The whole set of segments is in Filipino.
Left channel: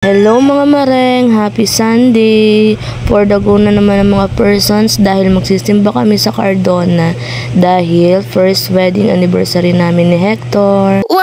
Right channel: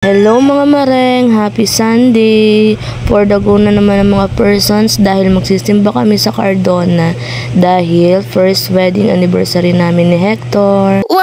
Hello mga mareng, happy Sunday! For the go na naman ng mga persons dahil magsisimba kami sa Cardona dahil first wedding anniversary namin ni Hector. Wow!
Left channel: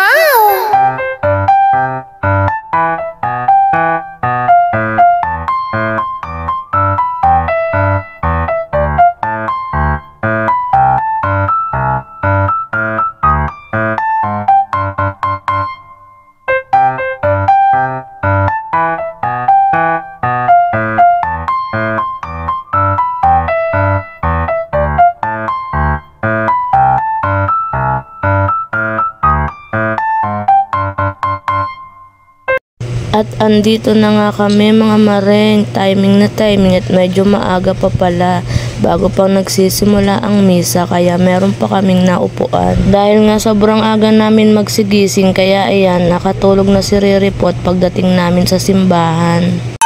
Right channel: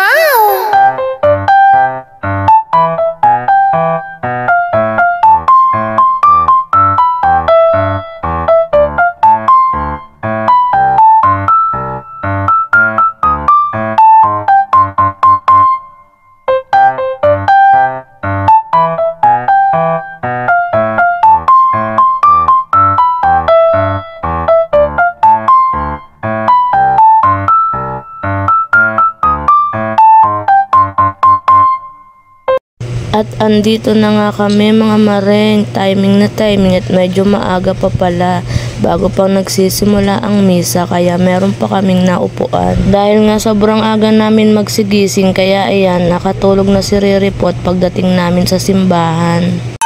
At andito na nga kami mga mareng, timing na timing at medyo maaga pa pala bago pang nagsisimula ang misa kaya meron pa kaming naupuan. Dahil nga sobrang aga namin magsigising kaya ayan, nakatulog na si Riripot pagdating namin sa simbahan.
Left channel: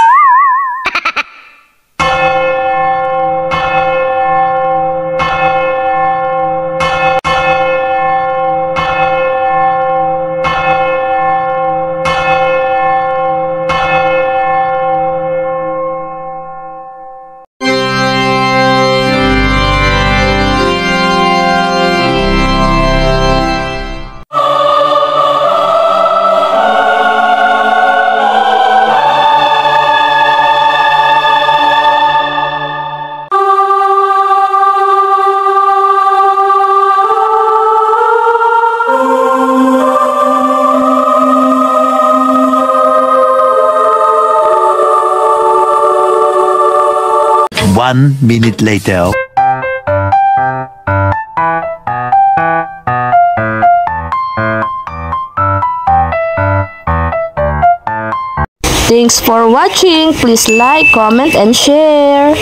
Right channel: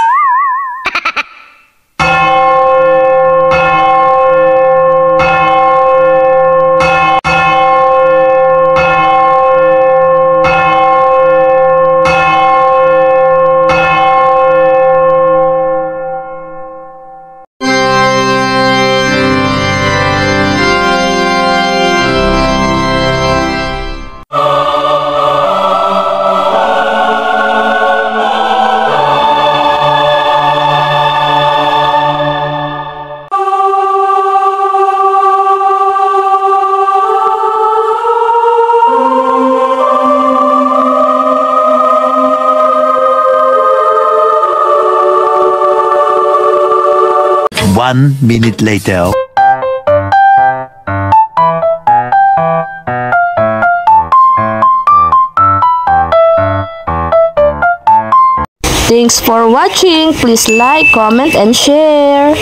One minute later. Thanks for watching. Please like, comment, and share.